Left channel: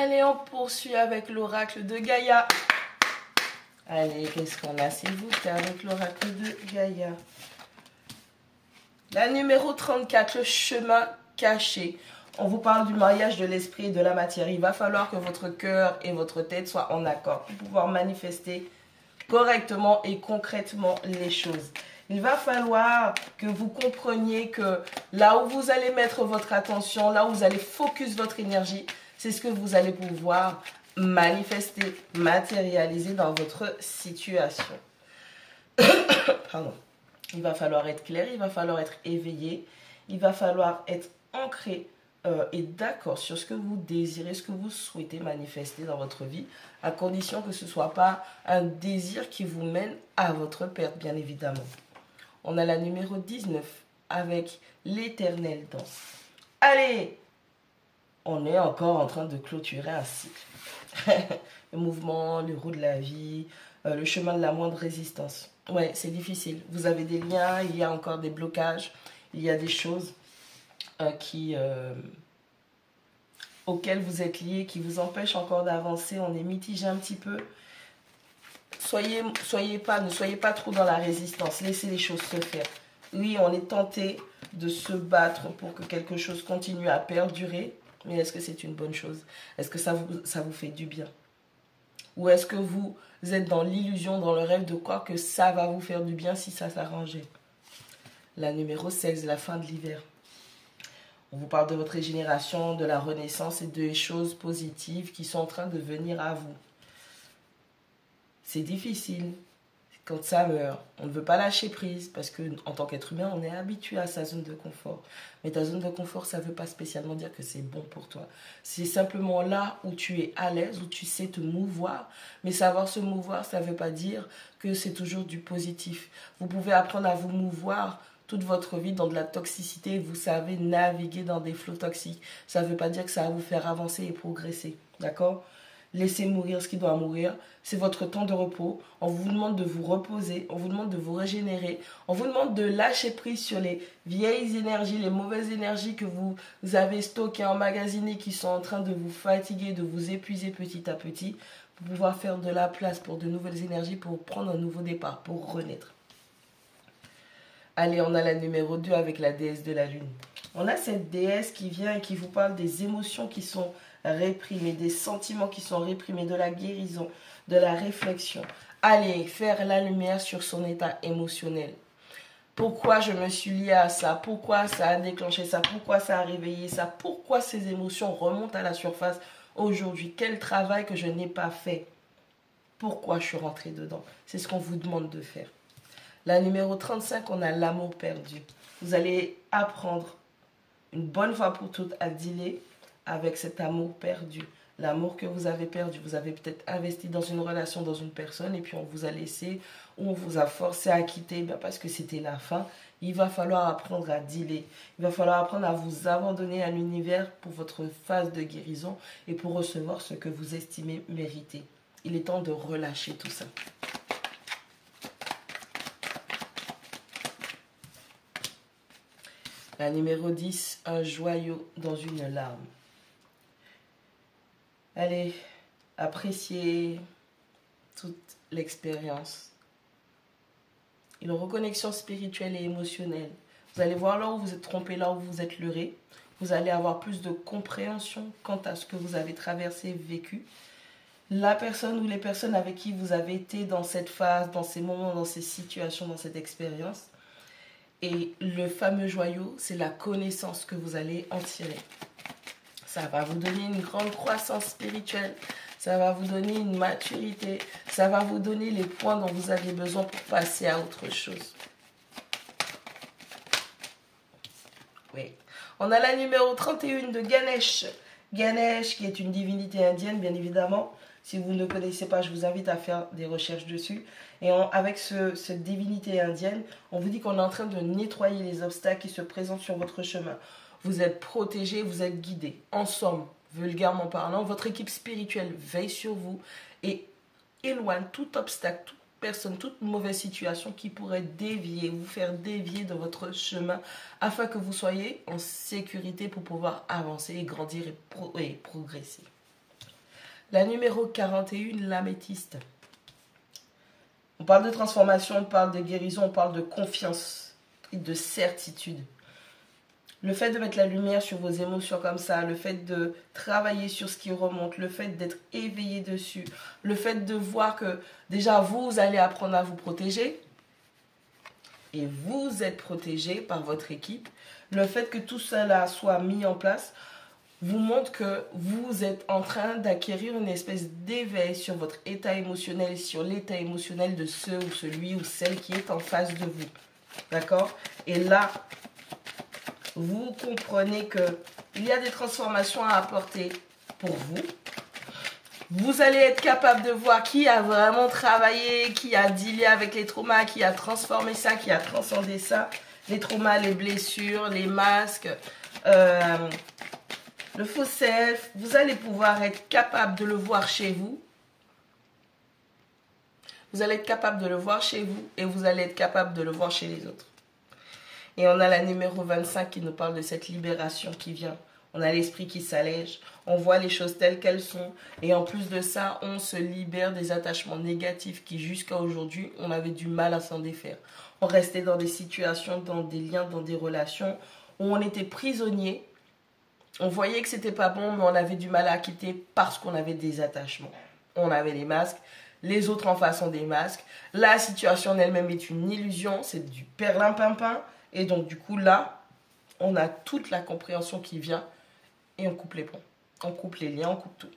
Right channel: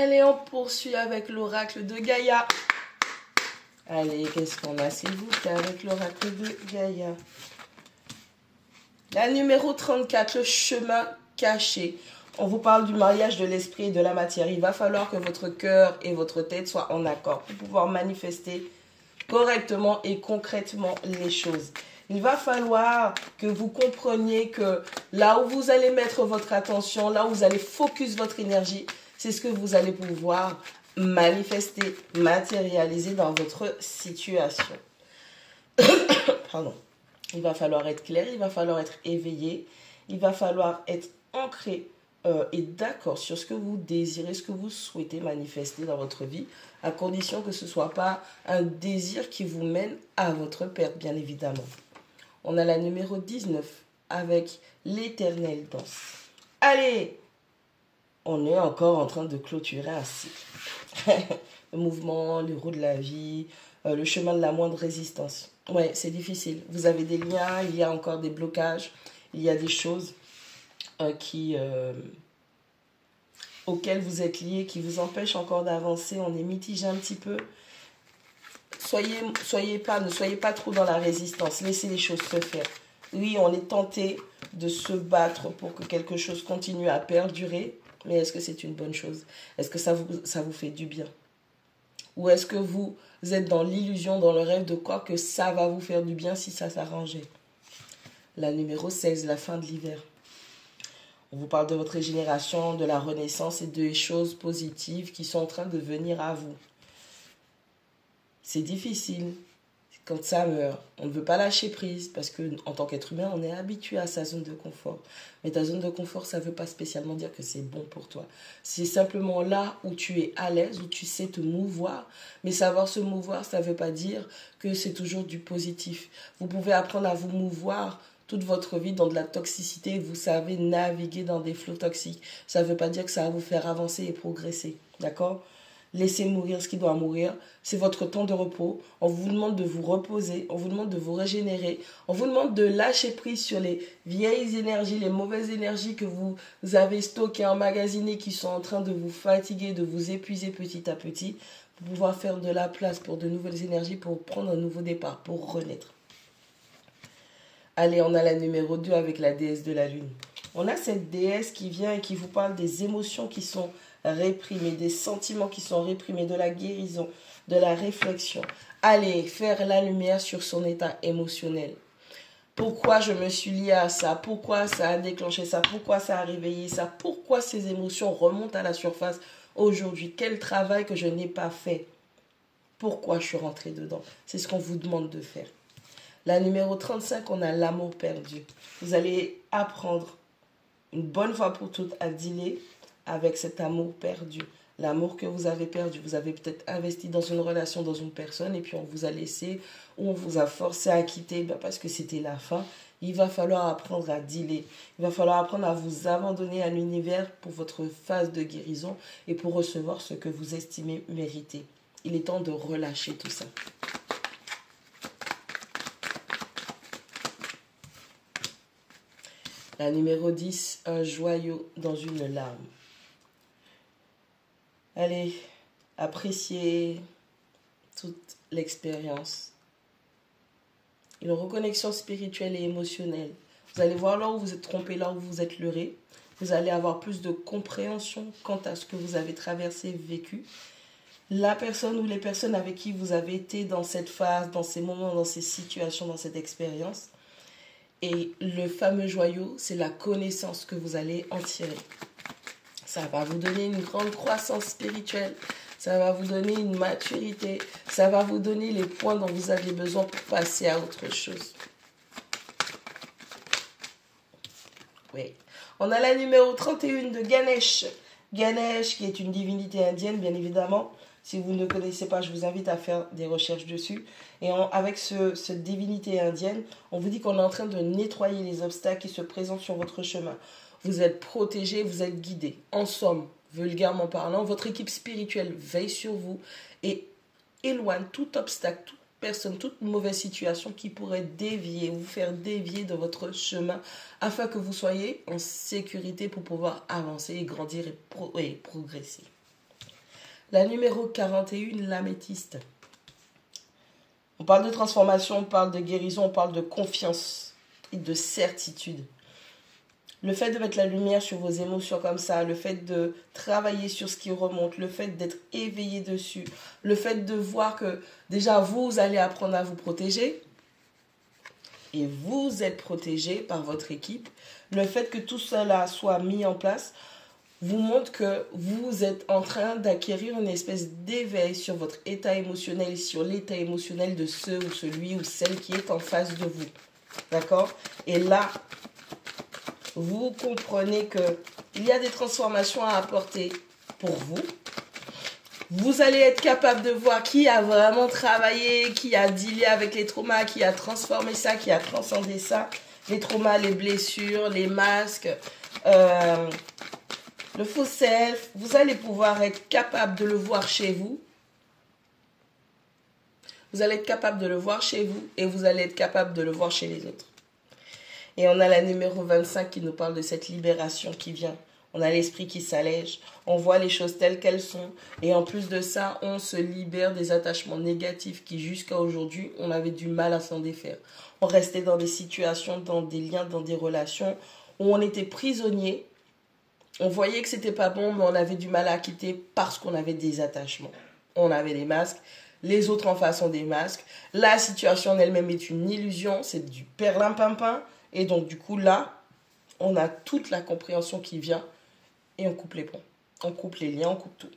Allez, on poursuit avec l'oracle de Gaïa. Allez, qu'est-ce qu'on a, s'il vous plaît, avec l'oracle de Gaïa? La numéro 34, le chemin caché. On vous parle du mariage de l'esprit et de la matière. Il va falloir que votre cœur et votre tête soient en accord pour pouvoir manifester correctement et concrètement les choses. Il va falloir que vous compreniez que là où vous allez mettre votre attention, là où vous allez focus votre énergie, c'est ce que vous allez pouvoir manifester, matérialiser dans votre situation. Pardon. Il va falloir être clair, il va falloir être éveillé, il va falloir être ancré et d'accord sur ce que vous désirez, ce que vous souhaitez manifester dans votre vie, à condition que ce ne soit pas un désir qui vous mène à votre perte, bien évidemment. On a la numéro 19 avec l'éternelle danse. Allez, on est encore en train de clôturer un cycle. Le mouvement, le roue de la vie, le chemin de la moindre résistance. Ouais, c'est difficile. Vous avez des liens, il y a encore des blocages, il y a des choses auxquelles vous êtes liés, qui vous empêchent encore d'avancer. On est mitigé un petit peu. Ne soyez pas trop dans la résistance. Laissez les choses se faire. Oui, on est tenté de se battre pour que quelque chose continue à perdurer. Mais est-ce que c'est une bonne chose? Est-ce que ça vous fait du bien? Ou est-ce que vous êtes dans l'illusion, dans le rêve de quoi que ça va vous faire du bien si ça s'arrangeait? La numéro 16, la fin de l'hiver. On vous parle de votre régénération, de la renaissance et des choses positives qui sont en train de venir à vous. C'est difficile quand ça meurt. On ne veut pas lâcher prise parce qu'en tant qu'être humain, on est habitué à sa zone de confort. Mais ta zone de confort, ça ne veut pas spécialement dire que c'est bon pour toi. C'est simplement là où tu es à l'aise, où tu sais te mouvoir. Mais savoir se mouvoir, ça ne veut pas dire que c'est toujours du positif. Vous pouvez apprendre à vous mouvoir toute votre vie dans de la toxicité. Vous savez naviguer dans des flots toxiques. Ça ne veut pas dire que ça va vous faire avancer et progresser. D'accord ? Laissez mourir ce qui doit mourir. C'est votre temps de repos. On vous demande de vous reposer. On vous demande de vous régénérer. On vous demande de lâcher prise sur les vieilles énergies, les mauvaises énergies que vous avez stockées, emmagasinées, qui sont en train de vous fatiguer, de vous épuiser petit à petit, pour pouvoir faire de la place pour de nouvelles énergies, pour prendre un nouveau départ, pour renaître. Allez, on a la numéro 2 avec la déesse de la lune. On a cette déesse qui vient et qui vous parle des émotions qui sont réprimés, des sentiments qui sont réprimés, de la guérison, de la réflexion. Allez, faire la lumière sur son état émotionnel. Pourquoi je me suis liée à ça? Pourquoi ça a déclenché ça? Pourquoi ça a réveillé ça? Pourquoi ces émotions remontent à la surface aujourd'hui? Quel travail que je n'ai pas fait? Pourquoi je suis rentrée dedans? C'est ce qu'on vous demande de faire. La numéro 35, on a l'amour perdu. Vous allez apprendre une bonne fois pour toutes à dealer avec cet amour perdu. L'amour que vous avez perdu. Vous avez peut-être investi dans une relation, dans une personne, et puis on vous a laissé, ou on vous a forcé à quitter parce que c'était la fin. Il va falloir apprendre à dealer. Il va falloir apprendre à vous abandonner à l'univers pour votre phase de guérison et pour recevoir ce que vous estimez mériter. Il est temps de relâcher tout ça. La numéro 10, un joyau dans une larme. Allez, appréciez toute l'expérience. Une reconnexion spirituelle et émotionnelle. Vous allez voir là où vous êtes trompé, là où vous êtes leurré. Vous allez avoir plus de compréhension quant à ce que vous avez traversé, vécu. La personne ou les personnes avec qui vous avez été dans cette phase, dans ces moments, dans ces situations, dans cette expérience. Et le fameux joyau, c'est la connaissance que vous allez en tirer. Ça va vous donner une grande croissance spirituelle. Ça va vous donner une maturité. Ça va vous donner les points dont vous avez besoin pour passer à autre chose. Oui. On a la numéro 31 de Ganesh. Ganesh, qui est une divinité indienne, bien évidemment. Si vous ne connaissez pas, je vous invite à faire des recherches dessus. Et avec cette divinité indienne, on vous dit qu'on est en train de nettoyer les obstacles qui se présentent sur votre chemin. Vous êtes protégé, vous êtes guidé. En somme, vulgairement parlant, votre équipe spirituelle veille sur vous et éloigne tout obstacle, toute personne, toute mauvaise situation qui pourrait dévier, vous faire dévier de votre chemin afin que vous soyez en sécurité pour pouvoir avancer et grandir et progresser. La numéro 41, l'améthyste. On parle de transformation, on parle de guérison, on parle de confiance et de certitude. Le fait de mettre la lumière sur vos émotions comme ça, le fait de travailler sur ce qui remonte, le fait d'être éveillé dessus, le fait de voir que déjà vous allez apprendre à vous protéger et vous êtes protégé par votre équipe, le fait que tout cela soit mis en place vous montre que vous êtes en train d'acquérir une espèce d'éveil sur votre état émotionnel et sur l'état émotionnel de ceux ou celui ou celle qui est en face de vous. D'accord? Et là, vous comprenez qu'il y a des transformations à apporter pour vous. Vous allez être capable de voir qui a vraiment travaillé, qui a dealé avec les traumas, qui a transformé ça, qui a transcendé ça. Les traumas, les blessures, les masques, le faux self. Vous allez pouvoir être capable de le voir chez vous. Vous allez être capable de le voir chez vous et vous allez être capable de le voir chez les autres. Et on a la numéro 25 qui nous parle de cette libération qui vient. On a l'esprit qui s'allège, on voit les choses telles qu'elles sont. Et en plus de ça, on se libère des attachements négatifs qui jusqu'à aujourd'hui, on avait du mal à s'en défaire. On restait dans des situations, dans des liens, dans des relations où on était prisonnier. On voyait que c'était pas bon, mais on avait du mal à quitter parce qu'on avait des attachements. On avait des masques. Les autres en face ont des masques. La situation en elle-même est une illusion. C'est du perlimpinpin. Et donc, du coup, là, on a toute la compréhension qui vient et on coupe les ponts. On coupe les liens, on coupe tout.